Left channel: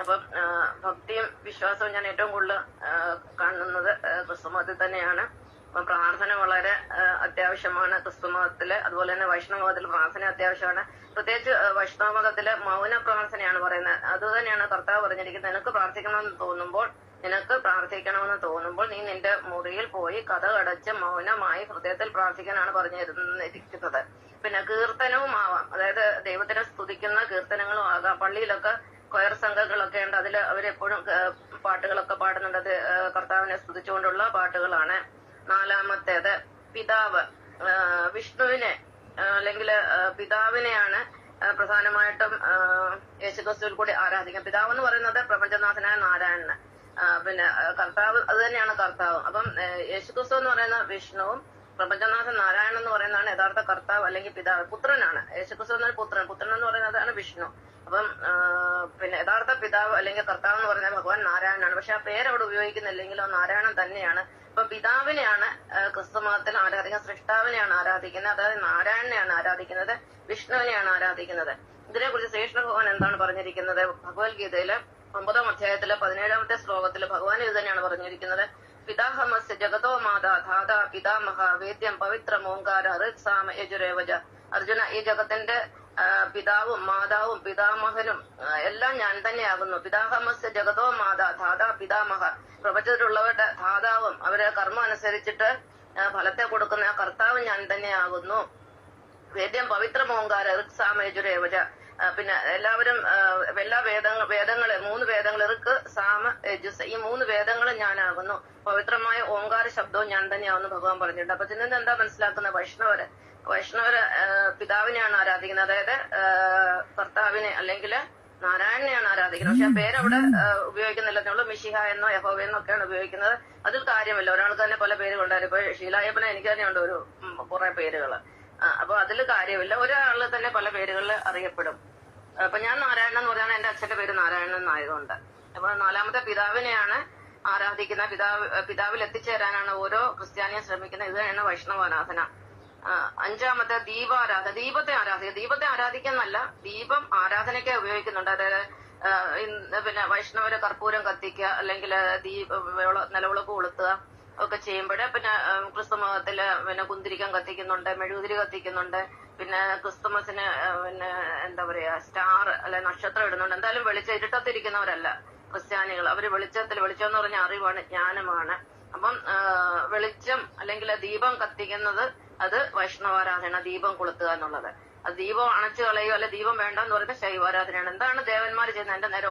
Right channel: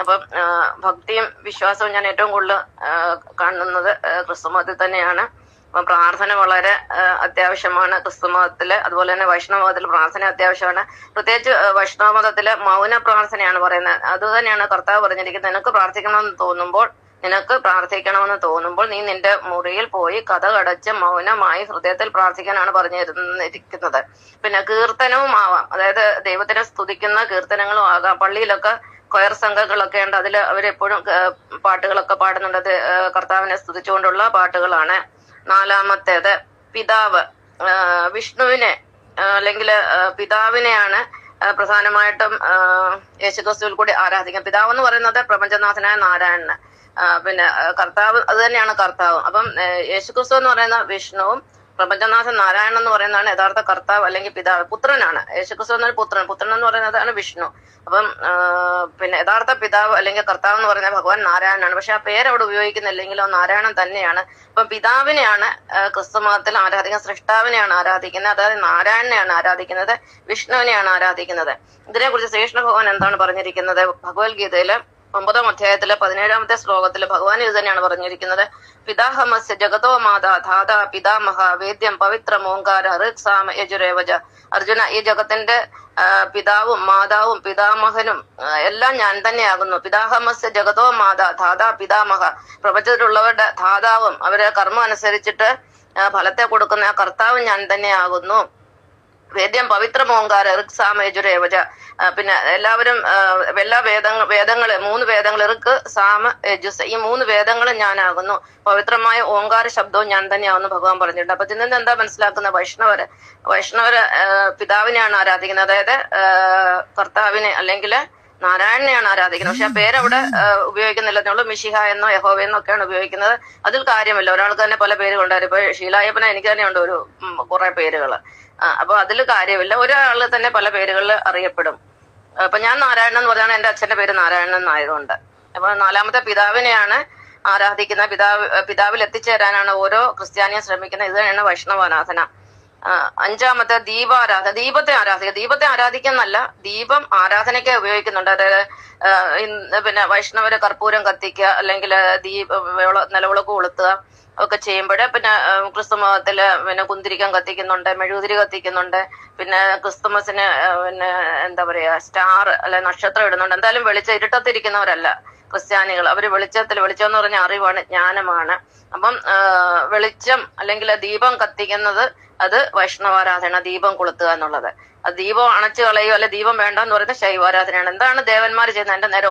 അപ്പം ഭക്തിയും വിശ്വാസവും ഞാൻ ഏറ്റവും കൂടുതൽ കാണുന്നത് ക്രിസ്തുമതത്തിൽ തന്നെയാണ്. അപ്പം പ്രാർത്ഥന വളരെ അത്യാവശ്യമാണ് ക്രിസ്തുമതത്തില്. അതുപോലെ തന്നെ വൈഷ്ണവ മതത്തിൽ പ്രാർത്ഥന അത്യാവശ്യമാണ്. പ്രത്യേകിച്ച് വൈഷ്ണവ മതത്തില് മൗന പ്രാർത്ഥനയാണ് പറയുന്നത്. അത് തന്നെയാണ് കർത്താവ് പറഞ്ഞിരിക്കുന്നത്. നിനക്ക് പ്രാർത്ഥിക്കണമെന്ന് തോന്നുമ്പോൾ നീ നിന്റെ മുറിയിൽ പോയി കതകടച്ച് മൗനമായി ഹൃദയത്തിൽ പ്രാർത്ഥിക്കാനാണ് പറഞ്ഞിരിക്കുന്നത്. പിന്നെ കീർത്തനവും ആവാം, അതായത് ദൈവത്തിനെ സ്തുതിക്കുന്ന കീർത്തനങ്ങളും ആകാം. പള്ളിയിലൊക്കെ കൊയർ സംഘങ്ങളൊക്കെ ഉണ്ട്, അതിൽ അവരെപ്പോഴും പാട്ടുകളൊക്കെ പാടുന്നുണ്ട്. അത് കർത്താവിനെ സ്തുതിച്ചുകൊണ്ടുള്ള പാട്ടുകളാണ്. നാലാമത്തേത് പിതാവ്. വിഷ്ണുവിനെ അല്ലെങ്കിൽ പിതാവിനെയാണ് പ്രധാനമായിട്ടും യേശുക്രിസ്തുവിൽ കൂടി ആരാധിക്കാം. പിതാവ് എന്ന് പറയുന്നത് പ്രപഞ്ചനാഥനായ നാരായണന്, പിന്നെ കർത്താവ് അത് തന്നെയാണ് കർത്താവ്. അപ്പം യേശുക്രിസ്തു എന്ന് പറയുന്ന വിഷ്ണുവും പ്രപഞ്ചനാഥൻ നാരായണൻ എന്ന് പറയുന്നതാണ് യഥാർത്ഥ കർത്താവ് അല്ലെങ്കിൽ പിതാവ്. പുത്രനാണ് യേശുക്രിസ്തു എന്നൊരു പുത്രൻ എന്ന് പറയുന്നതാണ് വിഷ്ണു. അപ്പം പിന്നെ യഥാർത്ഥ പിതാവ് അല്ലെങ്കിൽ കർത്താവ് എന്ന് പറയുന്ന ഭഗവാൻ നാരായണനാണ്. പക്ഷെ ആ പേര് അവിടെ ഉപയോഗിക്കുന്നില്ലെങ്കിലും നാരായണൻ തന്നെയാണ്. അപ്പം പിതാവിനെയാണ് ക്രിസ്തുമതത്തിൽ ആരാധിക്കുന്നത്, സൃഷ്ടാവിനെയാണ് ആരാധിക്കുന്നത്, അതായത് നാരായണനെയാണ് ആരാധിക്കുന്നത്, വിഷ്ണുവിനെയാണ് ആരാധിക്കുന്നത്. ഇതിനെക്കുറിച്ച് ശ്രീകൃഷ്ണ ഭഗവാൻ എന്താണ് പറഞ്ഞിരിക്കുന്നത്? ഭഗവത്ഗീതയില് 9-ാം അധ്യായത്തിലെ 17-ാമത്തെ ശ്ലോകത്തില് ഭഗവാൻ ഇത് തന്നെയാണ് പറഞ്ഞിരിക്കുന്നത്. പിതാഹമസ്യ ജഗതോ മാതാ ധാതാ പിതാമഹ വേദ്യം പവിത്രം ഓങ്കാര ഋക് സാമ യജുരേവജ. അർജുന, ഈ ജഗത്തിന്റെ പിതാവും മാതാവും പിതാമഹനും എല്ലാം ഞാൻ തന്നെയാകുന്നു. പിതാഹമസ്യ ജഗതോ മാതാ ധാതാ പിതാമഹ, പ്രപഞ്ചത്തിലുള്ളവരുടെ ധാതാവും അവരെ കർമ്മം അനുസരിച്ചിട്ട് ഫലത്തെ കൊടുക്കുന്ന കർത്താവും ഞാൻ തന്നെയാകുന്നു. വേദ്യം പവിത്രമോങ്കാര ഋക് സാമ യജുരേവജ. പിന്നെ എല്ലാവരും എല്ലാ വേദങ്ങള് 3 വേദങ്ങൾ ഋക് സാമ യജുസ്, ഈ 3 വേദങ്ങളും ഞാനാകുന്നു. പവിത്രമായ ഓങ്കാര ശബ്ദവും ഞാൻ തന്നെയാവുന്നു ഭഗവാൻ പറഞ്ഞിട്ടുണ്ട്. അപ്പൊ ഇതിൽ നിന്ന് എന്താ മനസ്സിലാക്കുന്നത്? വൈഷ്ണവര് പിതാവിനെയാണ് ആരാധിക്കുന്നത്, അതായത് കർത്താവിനെ അല്ലെങ്കിൽ നാരായണനെയാണ് ആരാധിക്കുന്നത്. പക്ഷെ ആ പേരവിടെ ഉപയോഗിക്കുന്നില്ല. മിശിഹ എന്നോ യഹോവ എന്നൊക്കെയാണ് ഉപയോഗിക്കുന്നത്. അതിൽ കാര്യമില്ല. ഒരാൾക്ക് തന്നെ പല പേരുകളുണ്ടായിരുന്നു. ഇപ്പൊ ഷീലായപ്പന എനിക്ക് തന്നെ ഉണ്ട് കുറെ പേരുകള്. അപ്പൊ അതിൽ കാര്യമില്ല. ഒരാള് തന്നെ പല പേരുകളിൽ അറിയപ്പെടും. അപ്പൊ ഞാൻ നാരായണൻ എന്ന് പറഞ്ഞാണ് എന്റെ അച്ഛന്റെ പേര് നാരായണൻ എന്നായതുകൊണ്ട്. അപ്പൊ 4-മത്തെ പിതാവിനെയാണ് ആരാധിക്കുന്നത്. പിതാവിൽ എത്തിച്ചേരാനാണ് ഓരോ ക്രിസ്ത്യാനിയും ശ്രമിക്കുന്നത്. ഇത് തന്നെയാണ് വൈഷ്ണവാരാധന. 5-മത്തെ ദീപാരാധന. ദീപത്തെ ആരാധിക്കുന്നല്ല, ദീപം ആരാധനയ്ക്ക് ഉപയോഗിക്കുന്നുണ്ട്. അതായത് പിന്നെ വൈഷ്ണവര് കർപ്പൂരം കത്തിക്കുക അല്ലെങ്കിൽ നിലവിളക്ക് കൊളുത്തുക ഒക്കെ ചെയ്യുമ്പോൾ, പിന്നെ ക്രിസ്തു മതത്തില് പിന്നെ കുന്തിരിക്കം കത്തിക്കുന്നുണ്ട്, മെഴുകുതിരി കത്തിക്കുന്നുണ്ട്, പിന്നെ ക്രിസ്തുമസിന് പിന്നെ എന്താ പറയാ സ്റ്റാർ അല്ലെ നക്ഷത്രം ഇടുന്നുണ്ട്. എന്തായാലും ഇരുട്ടത്തിരിക്കുന്നവരല്ല ക്രിസ്ത്യാനികൾ. അവര് വെളിച്ചം എന്ന് പറഞ്ഞ അറിവാണ്, ജ്ഞാനമാണ്. അപ്പം വെളിച്ചം അല്ലെങ്കിൽ ദീപം കത്തിക്കുന്നത് അത് വൈഷ്ണവാരാധന, ദീപം കൊളുത്തുക എന്നുള്ളത്. അത് ദീപം അണച്ചു കളയുക അല്ലെ ദീപം വേണ്ട എന്ന് പറയുന്നത് ശൈവാരാധനയാണ്. എന്താണ് ദേവന്മാർ ചെയ്യുന്നത്? എന്റെ നേരെ